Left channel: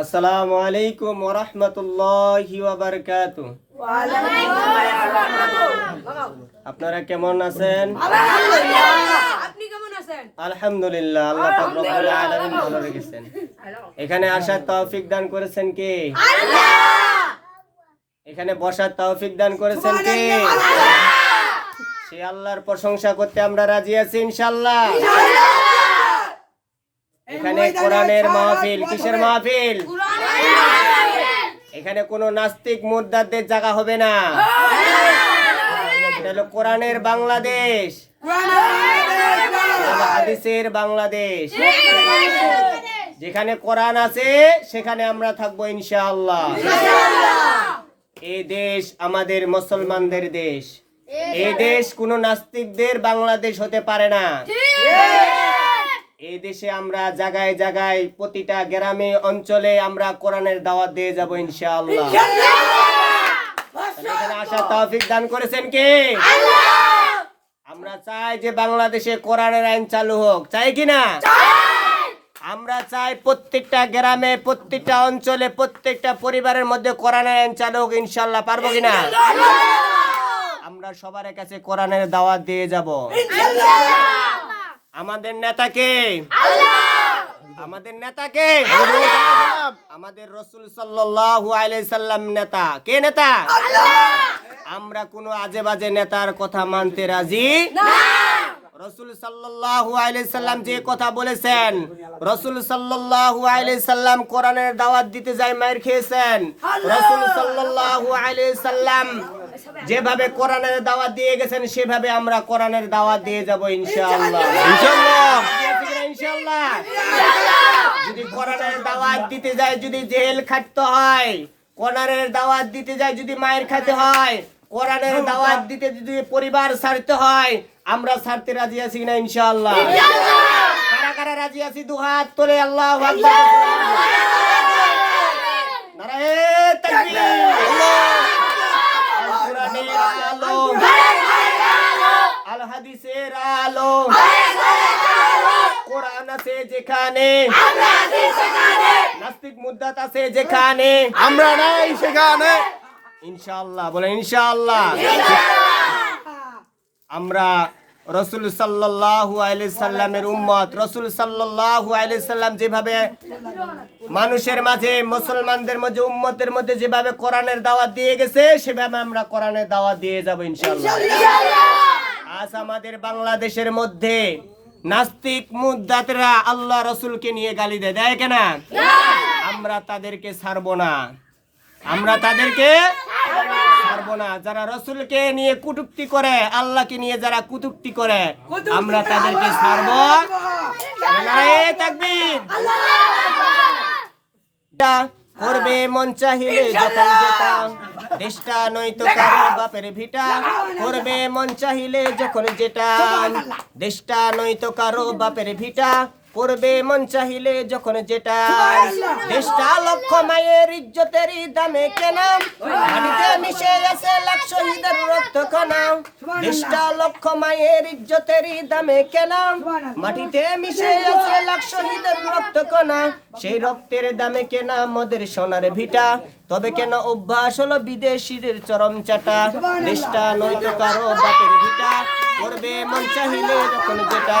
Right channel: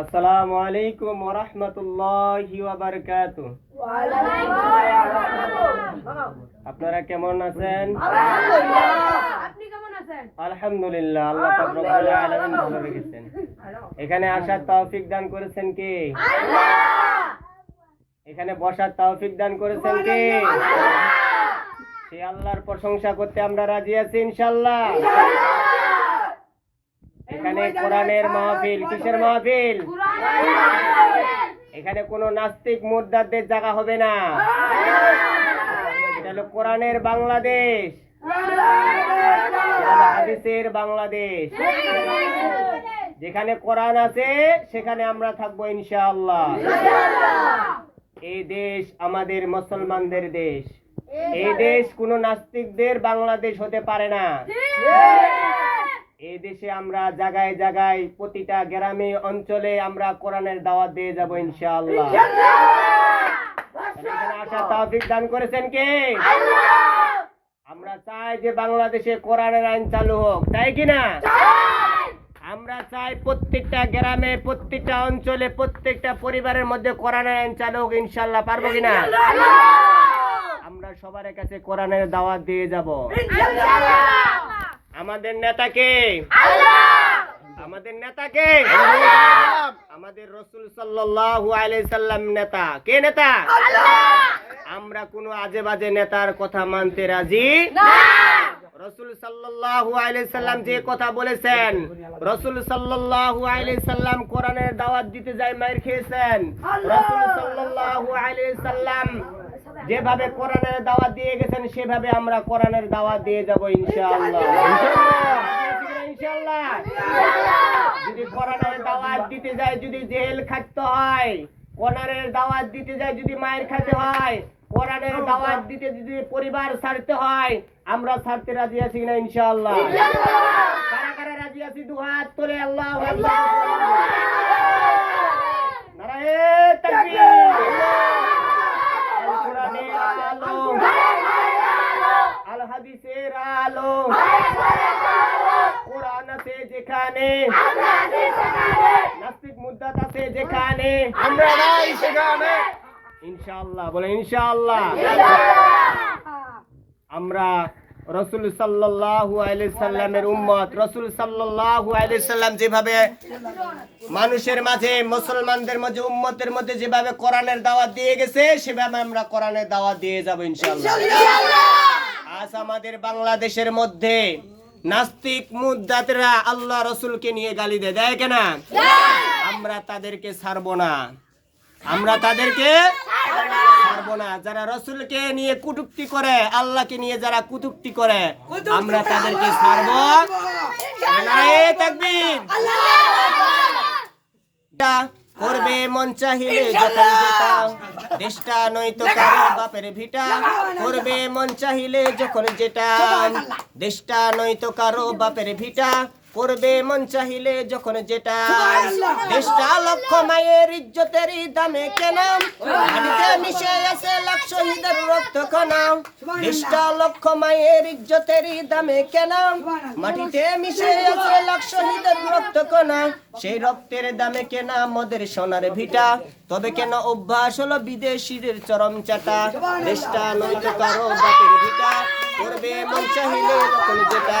আসসালামু আলাইকুম ওয়া রাহমাতুল্লাহি ওয়া বারাকাতুহু। আপনারা কেমন আছেন? আপনি কেমন আছেন? আলহামদুলিল্লাহ, আল্লাহ পাক রব্বুল আলামিন ভালো রেখেছেন। এখানে আসার তৌফিক দান করেছেন কে? আল্লাহ। এখানে বসার তৌফিক দান করেছেন কে? আল্লাহ। সেই আল্লাহর প্রশংসা করতে আমরা রাজি আছি ইনশাআল্লাহ। এখানে কোরআনের মাহফিল। কিসের মাহফিল? এখানে কোনো নাস্তিক মুরতাদদের জায়গা হবে না। এটা হলো কোরআনের বাংলাদেশ, হাদিসের বাংলাদেশ। যেখানে কোরআন আছে সেখানে আমরা থাকবো ইনশাআল্লাহ। এই দেশ আমাদের মুসলমানদের দেশ। এই দেশ কোনো নাস্তিকদের বাংলাদেশ হতে পারে না। এই দেশে আমরা জায়গায় জায়গায় প্রতিটা গ্রামে অঞ্চলে আমরা কোরআনের দাওয়াত দিয়ে যাব ইনশাআল্লাহ। এখানে আসার তৌফিক দান করেছেন কে? আল্লাহ। আমরা চাই যে বাংলাদেশে কোরআনের আইন চালু হোক, চাই কি না? আমরা চাই প্রত্যেকটা গ্রামে, প্রত্যেকটা অঞ্চলে, প্রত্যেকটা পরিবারের মধ্যে কোরআনের আইন চালু হোক ইনশাআল্লাহ। পারবো কিনা? আমরা সবার কাছে কোরআনের দাওয়াত দিয়ে যাব ইনশাআল্লাহ। আমাদের নেতাকে আমাদের নেতাকে আমাদের রাসূল সাল্লাল্লাহু আলাইহি সাল্লাম নেতা। কে নেতা? আমরা কোনো আজে বাজে নেতার কথা মানতে রাজি না। রাসূল সাল্লাল্লাহু আলাইহি সাল্লাম যে কথা বলেছেন, রাসূল সাল্লাল্লাহু আলাইহি সাল্লাম কোরআনের দাওয়াত দিতে যায় মাইর খেয়েছেন। রাসূল সাল্লাল্লাহু আলাইহি সাল্লাম যেভাবে কোরআনের দাওয়াত দিয়ে গেছেন সেভাবে আমরা কোরআনের দাওয়াত দিয়ে যাব ইনশাআল্লাহ। ইনশাআল্লাহ। যদি কোরআনের দাওয়াত দিতে যায় যদি জেল খাটতে হয়, কোরআনের দাওয়াত দিতে যায় যদি মায়ের খেতে হয়, কোরআনের দাওয়াত দিতে যদি পরিবার ছাড়তে হয়, আমরা ছাড়তে রাজি আছি না ইনশাআল্লাহ? কারা কারা রাজি আছি? দু হাত তোলে আল্লাহু আকবার। নারায়ে তাকবীর। আল হাদিসের আলো, কোরআন আছে যেখানে, নাস্তিক মুরতাদ আছে যেখানে, আমরা নাই সেখানে ইনশাআল্লাহ। বলেন ইনশাআল্লাহ। আমরা রাসূল সাল্লাল্লাহু আলাইহি সাল্লামের উম্মত। রাসূল সাল্লাল্লাহু আলাইহি সাল্লাম যেভাবে মানুষের মাঝে, মুসলমানদের মধ্যে, উম্মতের মধ্যে যেভাবে কোরআনের দাওয়াত দিয়ে গেছে সেভাবে আমরা কোরআনের দাওয়াত দিয়ে যাব ইনশাআল্লাহ। আজ আমাদের বাংলাদেশের মধ্যে নাস্তিক মুরতাদরা আল্লাহ রাসূলকে নিয়ে গালি দেয় কেন? আমরা তাদেরকে ছাড়বো না। আমরা তাদেরকে ছাড়বো না। যারা রাসূলকে নিয়ে কটূক্তি করে, আল্লাহকে নিয়ে যারা কটূক্তি করে, আমরা তাদেরকে ছাড়বো। নারায়ে তাকবীর। করবে মন চাহিলে যখন যেটা, দেশটা নয়তো কারো বাপের ভিটা। করবে মন চাহিলে যখন যেটা, দেশটা নয়তো কারো বাপের ভিটা। করবে মন চাহিলে যখন যেটা, দেশটা লক্ষ মায়ের ইজ্জতেরই দামে কেনা। মাটিতে মিশে আছে লাখ শহীদের রক্ত কণা। দেশটা লক্ষ মায়ের ইজ্জতেরই দামে কেনা। মাটিতে মিশে আছে লাখ শহীদের রক্ত কণা। সেই রক্তের দামে কেনা মোদের সোনার ভিটা। তবে কেন অভ্যাস হলো বিদেশিদের চরম চাটা। দেশটা নয়তো কারো বাপের ভিটা। করবে মন চাহিলে যখন যেটা।